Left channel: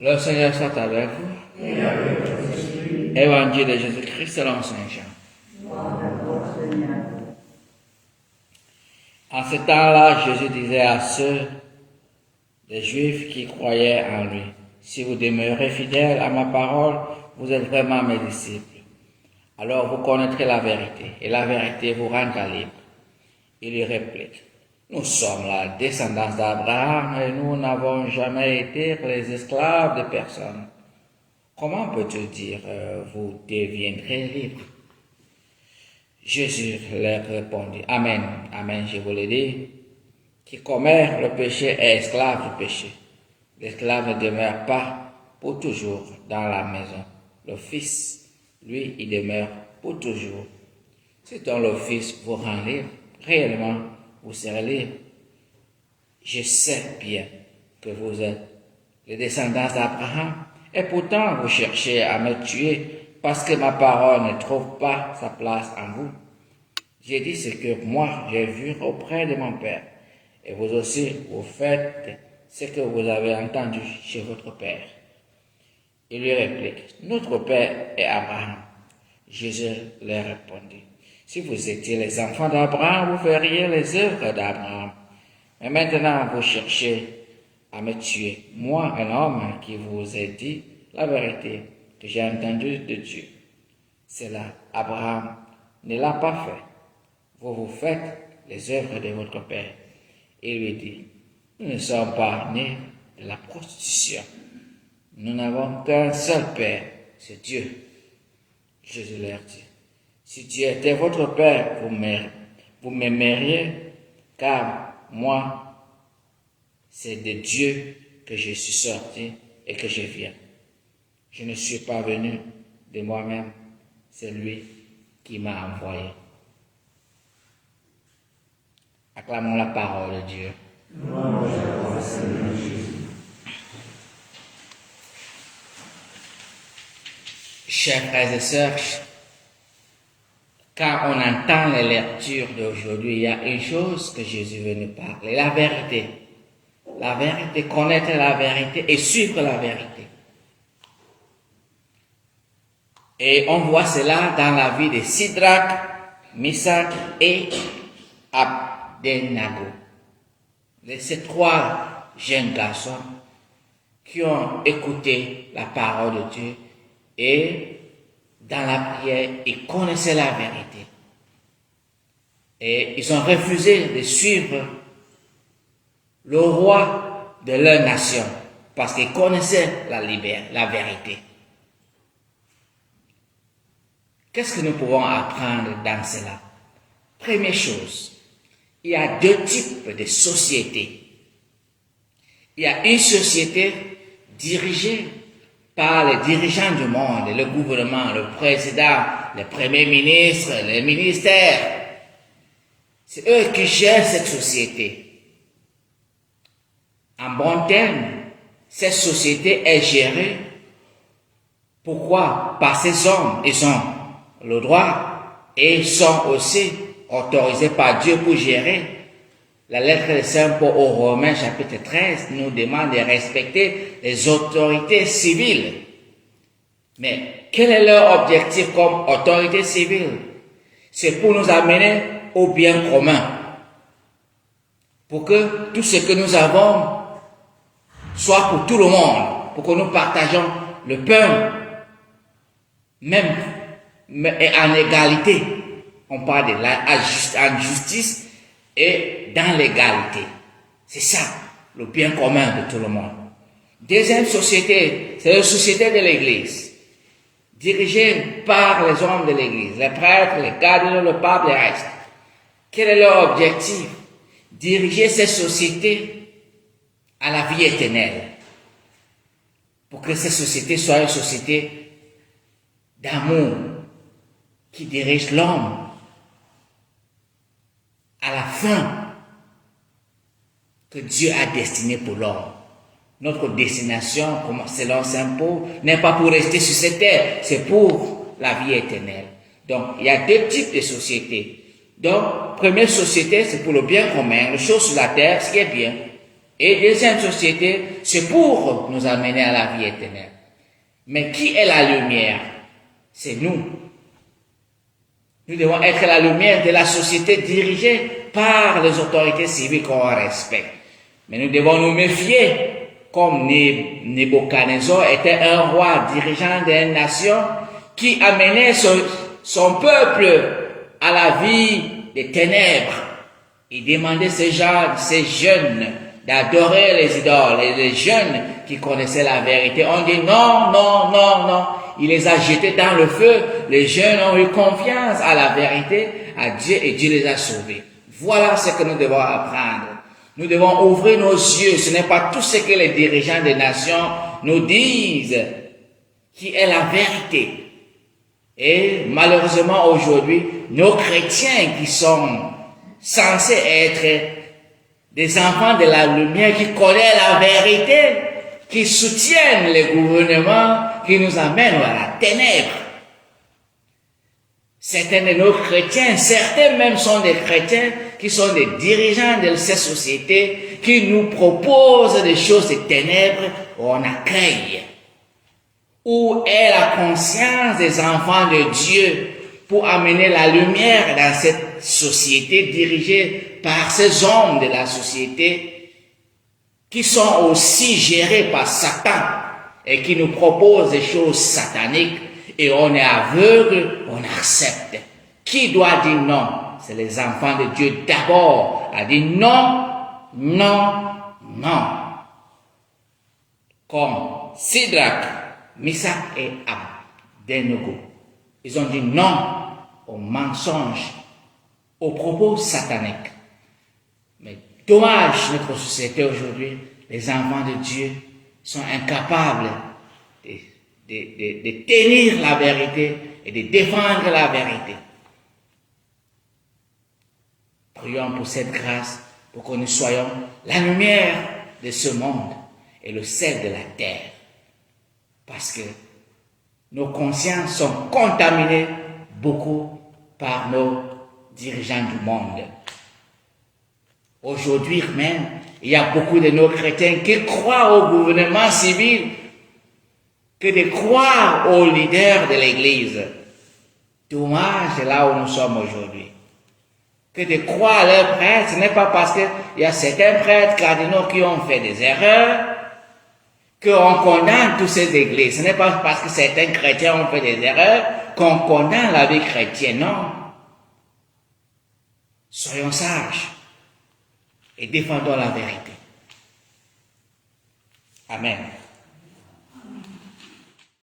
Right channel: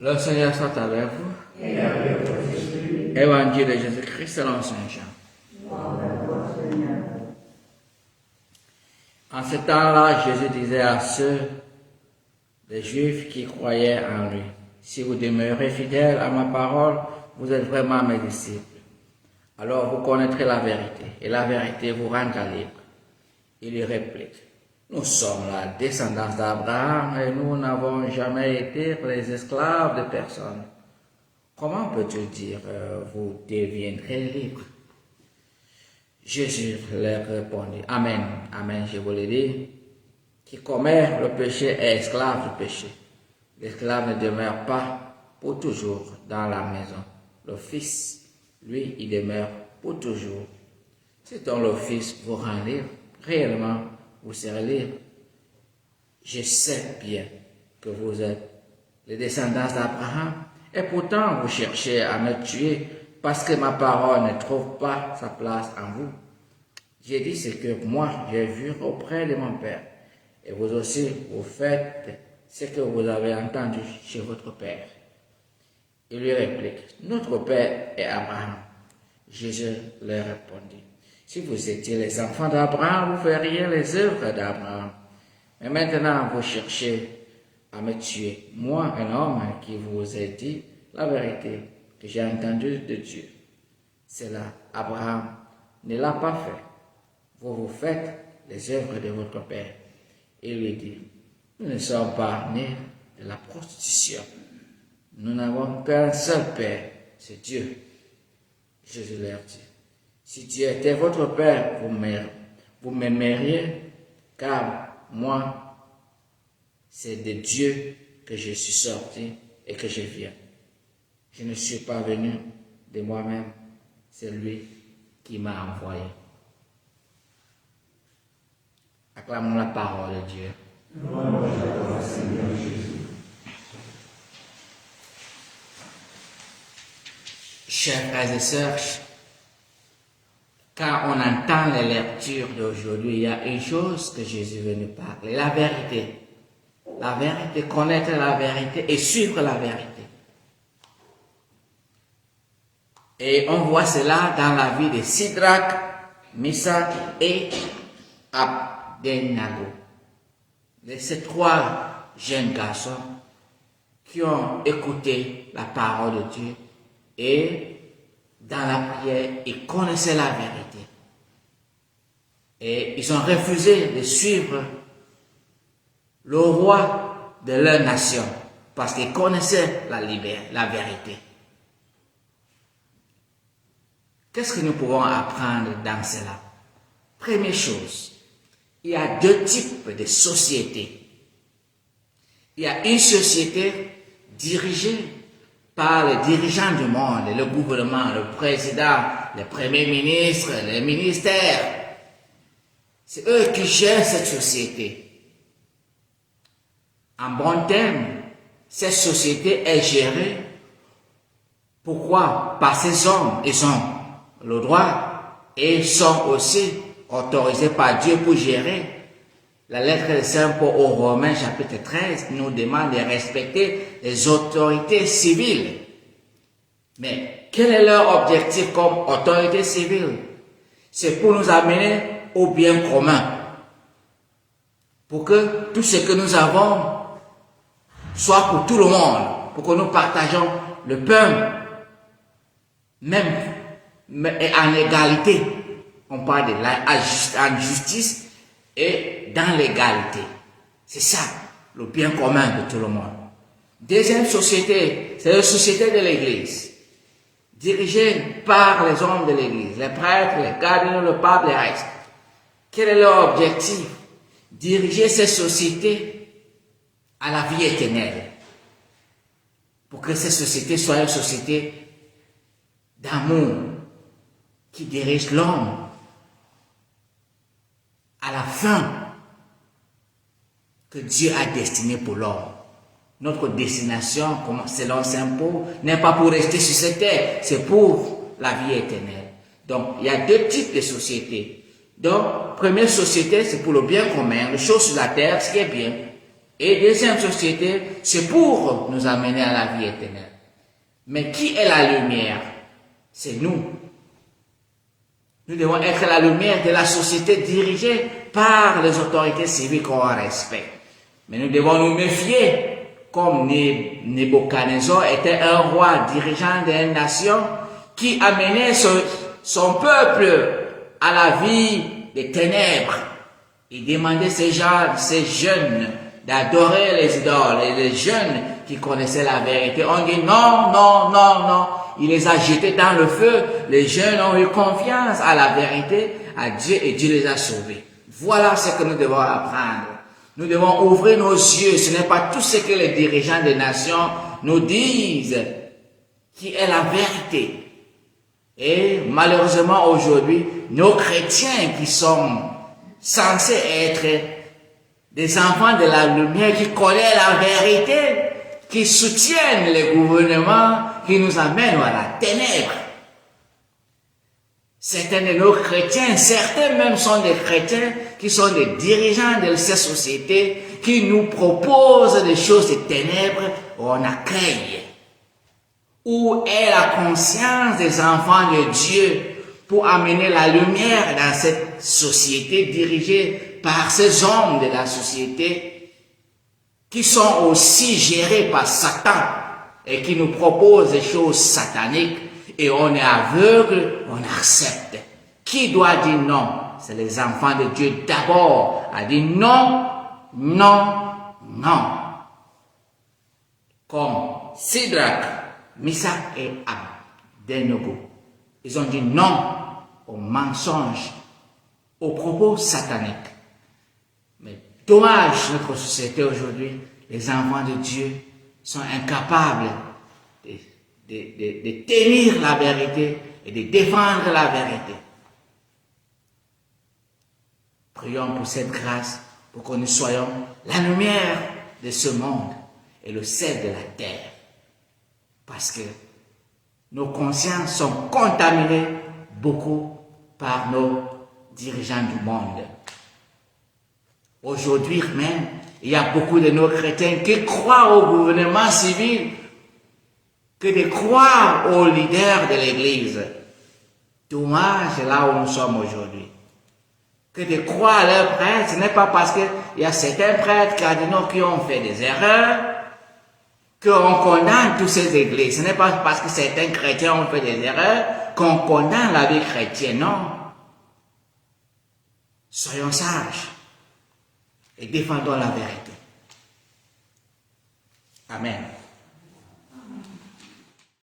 Le Seigneur soit avec vous. Et avec votre esprit. Évangile de Jésus-Christ selon Saint Jean. Gloire à toi, Seigneur. En ce temps-là, Jésus disait à ceux des Juifs qui croyaient en lui, « Si vous demeurez fidèles à ma parole, vous êtes vraiment mes disciples. Alors vous connaîtrez la vérité, et la vérité vous rendra libre. » Il lui réplique, « Nous sommes la descendance d'Abraham et nous n'avons jamais été les esclaves de personne. Comment peux-tu dire, vous deviendrez libres? » Jésus leur répondit, « Amen, amen, je vous le dis, qui commet le péché est esclave du péché. L'esclave ne demeure pas pour toujours dans la maison. Le Fils, lui, il demeure pour toujours. Si donc le Fils vous rend libre, réellement, vous serez libre. Je sais bien que vous êtes les descendants d'Abraham, et pourtant vous cherchez à me tuer parce que ma parole ne trouve pas sa place en vous. J'ai dit ce que moi j'ai vu auprès de mon Père, et vous aussi vous faites ce que vous avez entendu chez votre Père. Il lui réplique, notre Père est Abraham. Jésus leur répondit, si vous étiez les enfants d'Abraham, vous feriez les œuvres d'Abraham. Mais maintenant vous cherchez à me tuer, moi, un homme qui vous ai dit la vérité que j'ai entendue de Dieu. Cela, Abraham ne l'a pas fait. Vous faites les œuvres de votre Père. Il lui dit, nous ne sommes pas nés de la prostitution. Nous n'avons qu'un seul Père, c'est Dieu. Jésus leur dit, si Dieu était votre Père, vous m'aimeriez, car moi, c'est de Dieu que je suis sorti et que je viens. Je ne suis pas venu de moi-même, c'est lui qui m'a envoyé. Acclamons la parole de Dieu. Gloire à toi, Seigneur Jésus. Chers frères et sœurs, quand on entend les lectures d'aujourd'hui, il y a une chose que Jésus veut nous parler, la vérité. La vérité, connaître la vérité et suivre la vérité. Et on voit cela dans la vie de Sidrac, Misach et Abednego. De ces trois jeunes garçons qui ont écouté la parole de Dieu et dans la prière, ils connaissaient la vérité. Et ils ont refusé de suivre le roi de leur nation parce qu'ils connaissaient la vérité. Qu'est-ce que nous pouvons apprendre dans cela? Première chose, il y a deux types de sociétés. Il y a une société dirigée par les dirigeants du monde, le gouvernement, le président, le premier ministre, les ministères. C'est eux qui gèrent cette société. En bon terme, cette société est gérée. Pourquoi? Par ces hommes, ils ont le droit et ils sont aussi autorisés par Dieu pour gérer. La lettre de Saint Paul aux Romains, chapitre 13, nous demande de respecter les autorités civiles. Mais quel est leur objectif comme autorité civile? C'est pour nous amener au bien commun. Pour que tout ce que nous avons soit pour tout le monde. Pour que nous partageons le pain, même et en égalité. On parle de en justice et dans l'égalité. C'est ça, le bien commun de tout le monde. Deuxième société, c'est la société de l'Église, dirigée par les hommes de l'Église, les prêtres, les cardinaux, le pape, les restes. Quel est leur objectif? Diriger cette société à la vie éternelle. Pour que cette société soit une société d'amour qui dirige l'homme à la fin que Dieu a destiné pour l'homme. Notre destination, selon Saint Paul, n'est pas pour rester sur cette terre, c'est pour la vie éternelle. Donc, il y a deux types de sociétés. Donc, première société, c'est pour le bien commun, les choses sur la terre, ce qui est bien. et deuxième société, c'est pour nous amener à la vie éternelle. Mais qui est la lumière? C'est nous. Nous devons être la lumière de la société dirigée par les autorités civiques qu'on respecte. Mais nous devons nous méfier, comme Nebuchadnezzar était un roi dirigeant d'une nation qui amenait son peuple à la vie des ténèbres. Il demandait ces jeunes d'adorer les idoles, et les jeunes qui connaissaient la vérité. On dit non, non, non, non. Il les a jetés dans le feu. Les jeunes ont eu confiance à la vérité, à Dieu, et Dieu les a sauvés. Voilà ce que nous devons apprendre. Nous devons ouvrir nos yeux. Ce n'est pas tout ce que les dirigeants des nations nous disent qui est la vérité. Et malheureusement aujourd'hui, nos chrétiens qui sont censés être des enfants de la lumière, qui connaissent la vérité, qui soutiennent les gouvernements, qui nous amènent à la ténèbre. Certains de nos chrétiens, certains même sont des chrétiens qui sont des dirigeants de ces sociétés, qui nous proposent des choses de ténèbres, on accueille. Où est la conscience des enfants de Dieu pour amener la lumière dans cette société dirigée par ces hommes de la société qui sont aussi gérés par Satan et qui nous proposent des choses sataniques et on est aveugle, on accepte. Qui doit dire non? C'est les enfants de Dieu d'abord à dire non, non, non. Comme Sidrac, Misach et Abednego. Ils ont dit non aux mensonges, aux propos sataniques. Mais dommage, notre société aujourd'hui, les enfants de Dieu sont incapables de tenir la vérité et de défendre la vérité. Prions pour cette grâce, pour que nous soyons la lumière de ce monde et le sel de la terre. Parce que nos consciences sont contaminées beaucoup par nos dirigeants du monde. Aujourd'hui même, il y a beaucoup de nos chrétiens qui croient au gouvernement civil que de croire aux leaders de l'Église. Dommage, c'est là où nous sommes aujourd'hui. Que de croire à leurs prêtres, ce n'est pas parce qu'il y a certains prêtres cardinaux qui ont fait des erreurs qu'on condamne toutes ces églises. Ce n'est pas parce que certains chrétiens ont fait des erreurs qu'on condamne la vie chrétienne, non. Soyons sages et défendons la vérité. Amen.